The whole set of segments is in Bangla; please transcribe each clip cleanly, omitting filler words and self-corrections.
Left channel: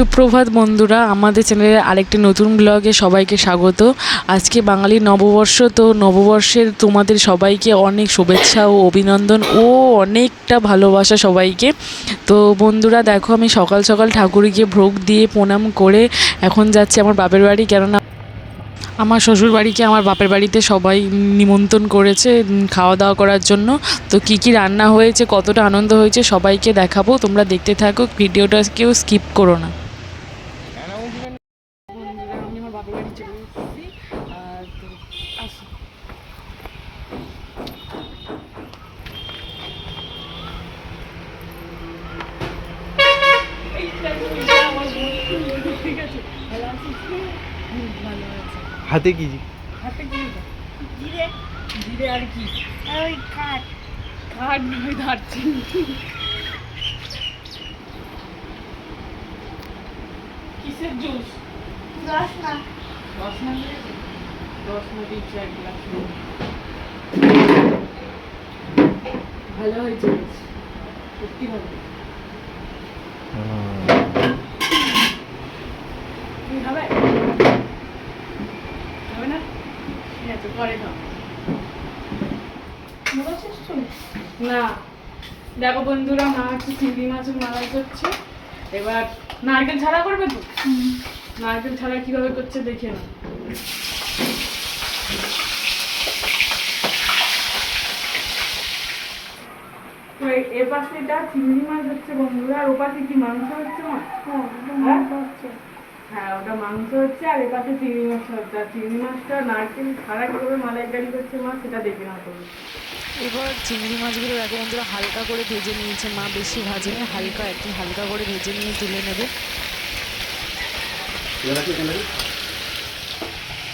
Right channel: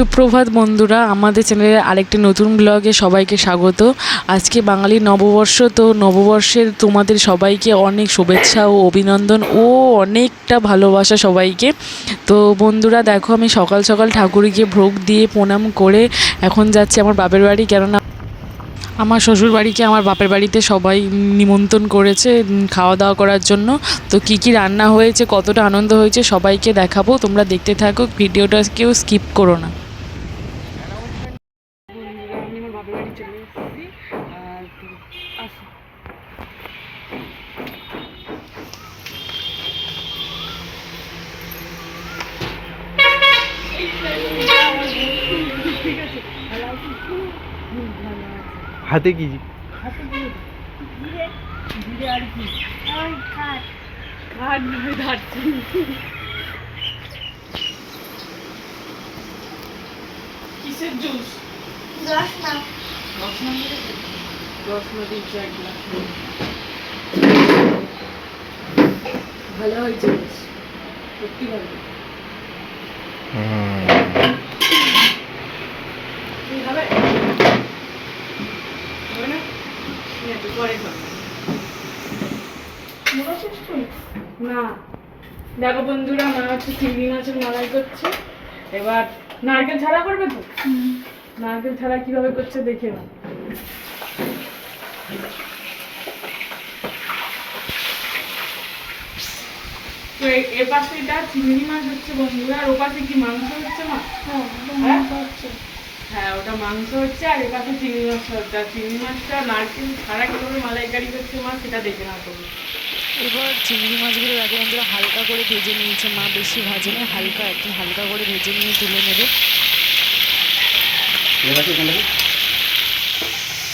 সুপ্রভাত বন্ধুরা, আমাদের চ্যানেলে আরেকটি নতুন ব্লগে সবাইকে স্বাগত। আজকে বাঙালি নববর্ষ, তো নববর্ষের তোমাদের সবাইকে অনেক শুভেচ্ছা ও অভিনন্দন ও অনেকটা ভালোবাসা সবাইকে। তো বন্ধুরা দেখো, আমি সকাল সকাল ঠাকুরকে ভোগ দিয়ে প্রণাম করে এখন যাচ্ছি আমার বাপের বাড়ি, কেননা আমার শ্বশুর বাড়িকে আমার বাপের বাড়িতে সবাই নিমন্ত্রণ করেছে খাওয়া দাওয়া করার জন্য। তো কী কী রান্না হয়েছে, কতটা আনন্দ হয়েছে সবাইকে দেখাবো, তোমরা দেখতে থাকো, ভিডিওটা কেউ স্কিপ করো না। হাতে কি হাতে কি জিরে, জিরে আর কি ওই খাট কাঠ নয়, দারচিনি। কিসের জুস? রস না রসনা দিয়েছে, রসনা দিয়েছে এক গ্লাস। ভালো হয়েছে বেশ, সত্যি ভালো। তুমি খাবে? হবে না? ঠিক আছে, পরে খাও। না, দেখো বন্ধুরা, মা হচ্ছে চিংড়ি মাছের মালাই করছে। এবার নারকেল ছাড়া করবে তো? নারকেল ছাড়া কিভাবে করছে দেখে নাও। তো এর পাশে এটা চিংড়ি মাছ হচ্ছে বন্ধুরা, আর ও পাশে কি মাংস হচ্ছে মা? হ্যাঁ, ওটা মাংস হচ্ছে, আর এর পাশে চিংড়ি মাছ হচ্ছে। আর চিংড়ি মাছটা নারকেল ছাড়া কিভাবে মালাইকারি করছে মা, সেটা দেখে না করবে। এবার চিংড়ি মাছগুলো দেখো বন্ধুরা হালকা করে ভেজে নিয়েছে মা, বেশি ভাজে না, হালকা একটু হালকা করে ভেজে নিয়ে তুলে নেবে।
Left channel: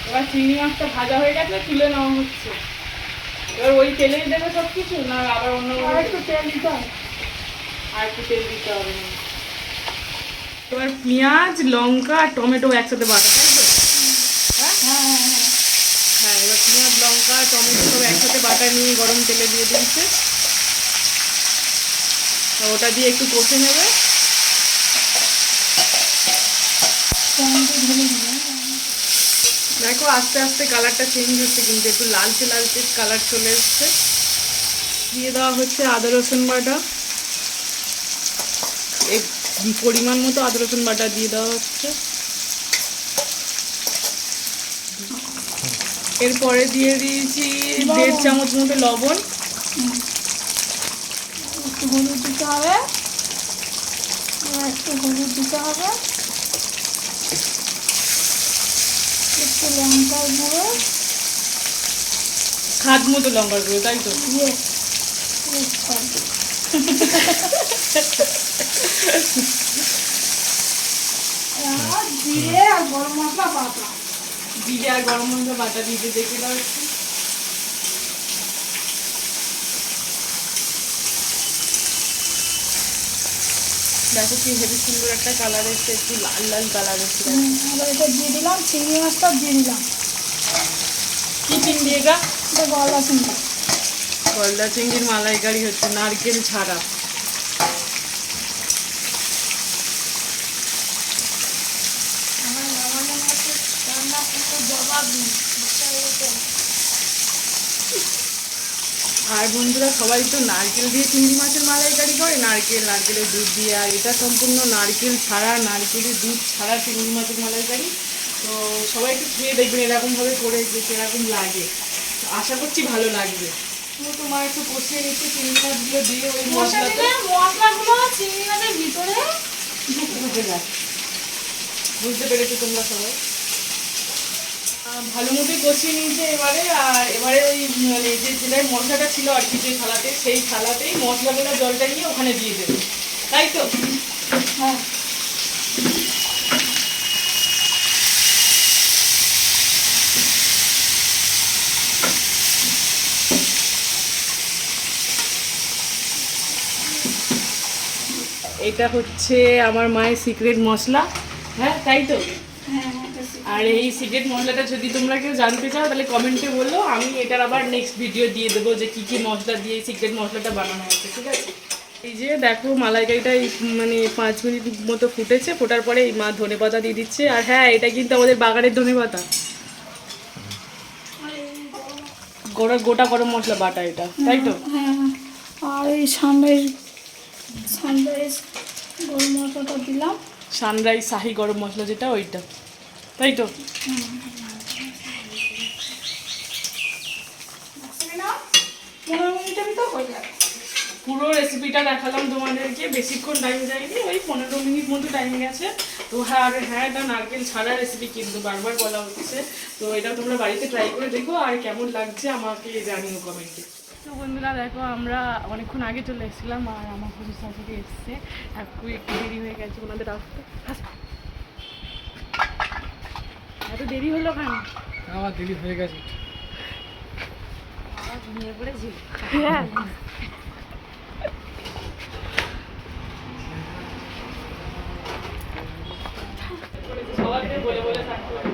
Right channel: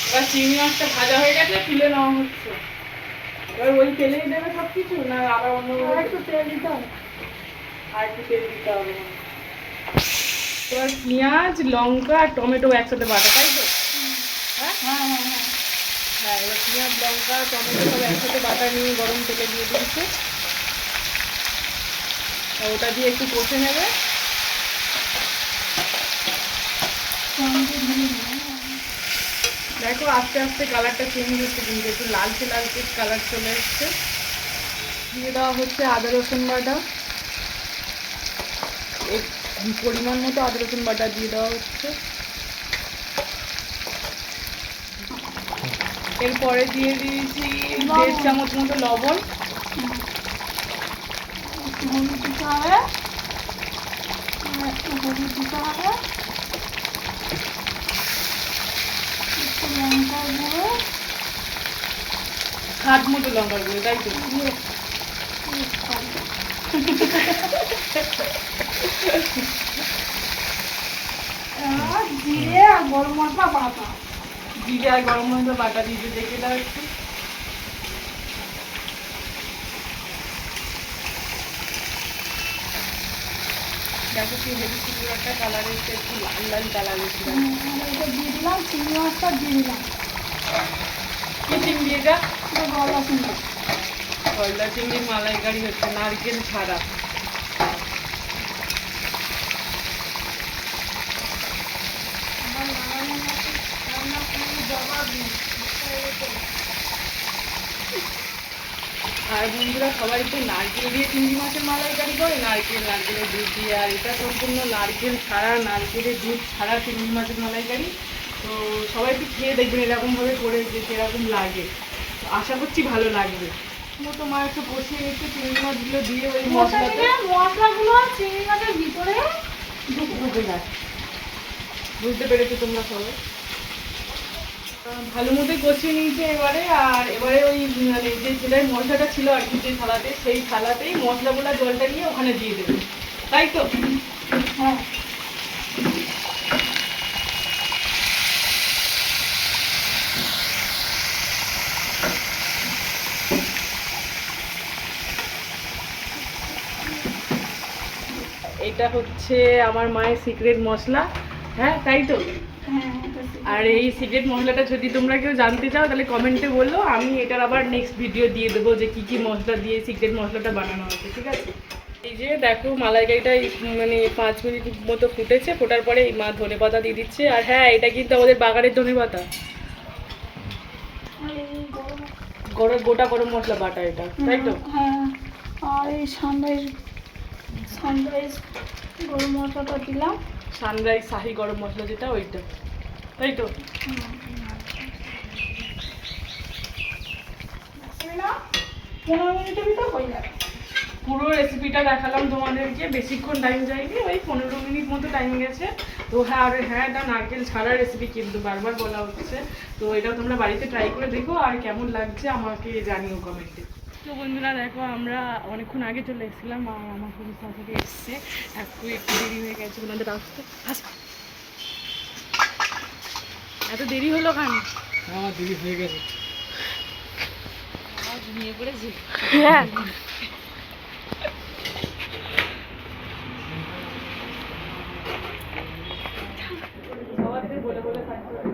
এবার চিংড়ি মাছটা ভাজা হয়ে গেছে, তুলে নেওয়া হচ্ছে। এবার ওই তেলেই দেবে সব কিছু, না আবার অন্য একটু তেল দিতে হবে। আর একটু তেল দিতে হবে। এবার পেঁয়াজ, লঙ্কা আর টমেটো একসাথে বাটা, তাই তো? হ্যাঁ, এবার পেঁয়াজ, লঙ্কা, টমেটো সব একসাথে বাটা নিয়ে গরম তেলে দিয়ে দিয়েছে। ওটা দিয়ে একটু কষে নেবে। দেখো আস্তে আস্তে কালারটা চেঞ্জ হচ্ছে, কিন্তু একটু লালচে লালচে কালার চলে এসছে। দিয়ে দেওয়া হচ্ছে আদা রসুন বাটা, পরিমাণ মতো আদা রসুন বাটা দিয়ে দেওয়া হচ্ছে। এরপরে দিয়ে দিয়েছি 1.5 চামচ মতো লবণ। একটু হলুদ দিতে হবে, একটু হলুদ দিতে হবে, একটু লঙ্কার গুঁড়ো, স্বাদ মতো লঙ্কার গুঁড়ো, তাই তো? জিরে আর গরম মশলা বাটা। জিরে আর গরম মশলা বাটা দিয়ে দেখে দেওয়া হচ্ছে। দেখো কি হেবি সুন্দর একটা কালার হচ্ছে, একটু লাল লাল কালার হচ্ছে। এটা দিয়ে দিলাম, চিংড়ি মাছটা দিয়ে দিলাম। কি চিংড়ি এটা? গলা চিংড়ি। গলদা চিংড়ির মালাইকারি হচ্ছে নারকেল ছাড়া। আমার নামানোর মতো রান্না কিন্তু জবাব নেই। আর বন্ধুরা সবাই তো নারকেল দিয়ে চিংড়ি মাছের মালাইকারি করে, নারকেলের দুধ দিয়ে, আর এটা সম্পূর্ণ নারকেল ছাড়া, নারকেলের দুধ ছাড়া চিংড়ি মাছের মালাইকারি। তো সবাই একটু খেয়ে দেখবেন এরকমভাবে করে, যে কিরকম লাগে। আশা করছি ভালো লাগবে। তো মা একটু কষিয়ে নিচ্ছে চিংড়ি মাছগুলো দিয়ে, ওই মশলাতে মশলাগুলো চিংড়ি মাছের ভিতরে ঢুকে যায়। বুঝতে পেরেছো তোমরা সবাই? ভালো মতোই কষিয়ে নিয়েছে এবারে। আর এবারে ওই মানে যেটাই মশলাটা ছিল আর কি, যে থালাতে, সেই থালাতেই মশলাগুলো জলটা নিয়ে ওখানে দিয়ে দেবে, তাই তো? হ্যাঁ। এটা হচ্ছে আমার মায়ের সিক্রেট মশলা, হ্যাঁ তাই তো? আর এই সিক্রেট মশলাটা যদি তোমরা কেউ জানতে চাও তাহলে কমেন্টে বলো, আমি এটার আবার নেক্সট ভিডিও দিয়ে দেবো যে কী কী মশলা দিয়ে সিক্রেট মশলাটা বানানো হয়েছে, ঠিক আছে? এই যে দেখো মালাইকারিটা মানে 5 মিনিট মতো ফুটেছে, ফোটার পরে এই মা ধনেপাতা দিয়ে দিচ্ছে। আর হ্যাঁ, এটা কিন্তু আমাদের বাগানের ধনেপাতা, আর এই গরম গোটা গরম মশলা বাটা এটা, তাই তো? হ্যাঁ, আর এই সানরাইজ গরম মশলাটা দিলাম। সানরাইজ শাহি গরম মশলা যেটা, ওইটা, তাই তো? না 15 মিনিটের ভিতর হয়ে যাবে। পুরো রেসিপিটা দেখালাম তোমাদেরকে, বেশিক্ষণ টাইম যায়নি, ওই 15 মিনিট মতো টাইম গেছে। তো হ্যাঁ, আর হ্যাঁ, এটা নারকেল ছাড়া রেসিপি কিন্তু বারবার বলা হচ্ছে। তো এটা তোমরা বাড়িতে ট্রাই করে দেখো, আর কেমন লাগছে আমাকে জানিও কমেন্টে। তো বন্ধুরা দেখো, আমরা অনেকক্ষণ আগে চলে এসেছিলাম, আর আমার খুব সাথে এসছে, একটু দেরি হয়ে গেছে ওনাদের আসতে। এত দেরি হলো কেন? আমার দেরি হয়ে গেছে। ঘুমিয়ে পড়েছি। হ্যাঁ, সবাইকে বলে বলে থাকতে হবে।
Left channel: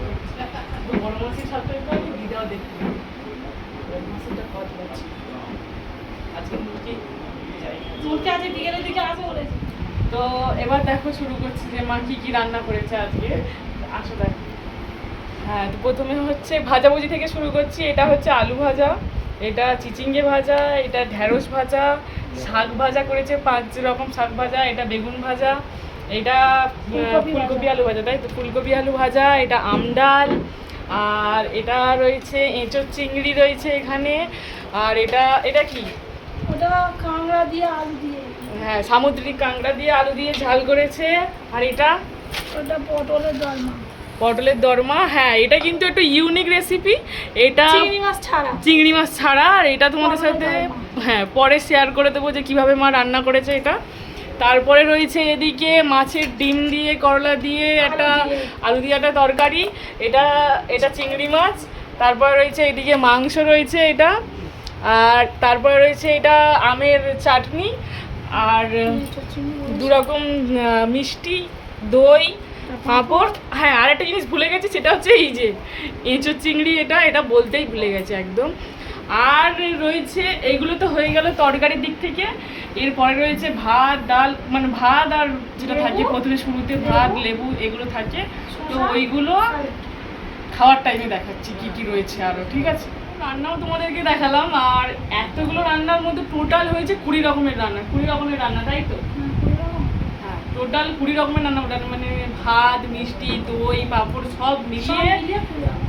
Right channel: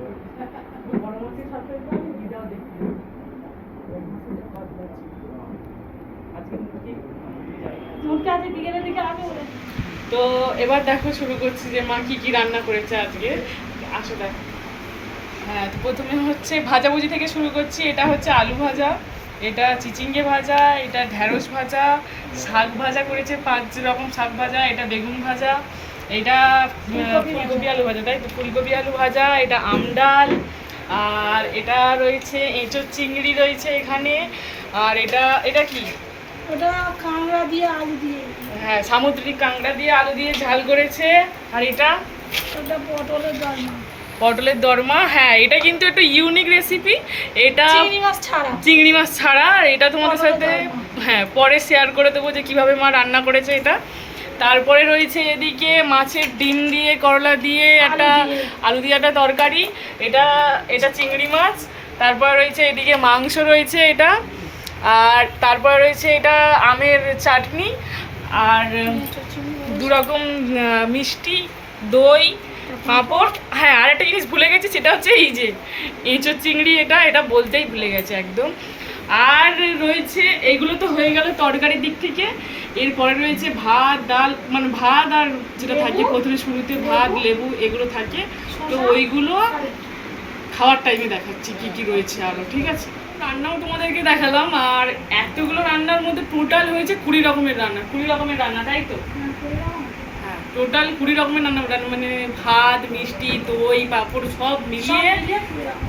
বড় মাছের সাথে একটু আমি দিদাও দেখতে পাই। বড় মাছটা কত আছে আজকে মুরগি যাই। মুরগি আজ বিকেলের দিকে আসে বলে। তো এবার দেখো শুরু করছি যে মা কি কি রান্না করেছে আজকে। আসো দেখো। হ্যাঁ, তো প্রথমে হচ্ছে ভাজাভুজি থেকে শুরু করছি। এটা হচ্ছে আলু ভাজা, এটা চিচিঙ্গে ভাজা, এটা ঢ্যাঁড়স ভাজা, শাক ভাজা করেছে 5 রকম শাক ভাজা, এটা বেগুন ভাজা, এটা ফুলকপি আলু ভাজা, তাই তো? ফুলকপি আলু ভাজা, এটা আমডাল, আর এটা রয়েছে এঁচোড় চিংড়ি রয়েছে এখানে, আর এটা কি? ওটা কাঁকড়া দিয়ে আলু দিয়ে। হ্যাঁ, সামুদ্রিক কাঁকড়া দিয়ে আলু দিয়ে ঝাল করেছে। আর এটা ওটা পটলের ডালনা। পটলের দরমা। হ্যাঁ, এটা কিন্তু একটু ইউনিক রেসিপি, এটা চিংড়ি মাছ ছাড়া। চিংড়ি মাছ ছাড়া। আর এটা তোমাদের পটলের সাথে দরমা। হ্যাঁ পরে শেয়ার করে দেবো যে কীভাবে মা রান্না করেছে এটা। তারপরে রয়েছে এদিকে মাছের ডিম দিয়ে করলা দিয়ে একটা আলু দিয়ে একটা তরকারি, এটা চিংড়ি মাছ। তারপর রয়েছে এদিকে মাংস রয়েছে এটা, আর তারপর রয়েছে এটা আমের চাটনি, আর 2 রকম মিষ্টি, দই, পাঁপড়। হ্যাঁ, আর একটা জিনিস ভুলে গেছি, সেটা হচ্ছে এই যে এঁচোড় চিংড়ি, এটা বলতেই ভুলে গেছে একদম। আর রয়েছে এইগুলো তো হয়ে গেল তরকারির দিক থেকে। এরপরে রয়েছে ভাত, ডাল, মানে ভাত আর যেটা থাকে প্রথমে শুরুতে ভাত, লেবু, এগুলো থাকে। তো ওইগুলো খাওয়ার টাইমে দেখাচ্ছি কি কি রয়েছে আরও, ঠিক আছে? রান্নাও তোমাদেরকে দেখালাম। আর এতগুলো রান্নার মধ্যে টোটাল হয়েছে 20 রকমের রান্না। 20 রকমের রান্না, তাই তো? হ্যাঁ, টোটাল 20 রকমের রান্না, মানে ভাত, মিষ্টি, দই, পাঁপড় সব মিলিয়ে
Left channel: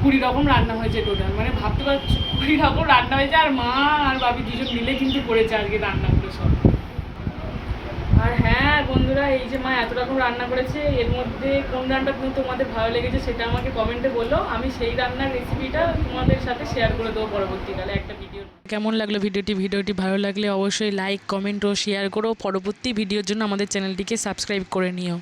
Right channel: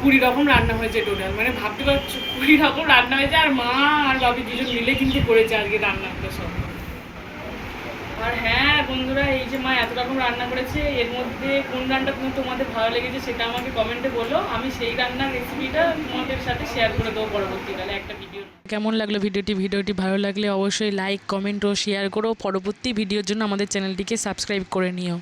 20 রকম রান্না হয়েছে টোটাল। মানে ভাবতে পারছো 20 রকম রান্না হয়েছে, আর মা আর বাবি দুজন মিলে কিন্তু করেছে আজকে রান্নাগুলো সব। আর হ্যাঁ বন্ধুরা, এই যে মা এত রকম রান্না করেছে, এর মধ্যে কোন রান্নাটা তোমাদের ভালো লেগেছে সেটা আমাকে কমেন্টে বলো। আমি সেই রান্নার রেসিপিটা তোমাদের সাথে শেয়ার করে দেবো পরবর্তীকালে একটা ভিডিও। কেমন লাগলো ভিডিওটি ভালো লাগলে অবশ্যই লাইক, কমেন্ট ও শেয়ার করো। পরবর্তী ভিডিওর জন্য আমাদের চ্যানেলটিকে সাবস্ক্রাইব করে নিও।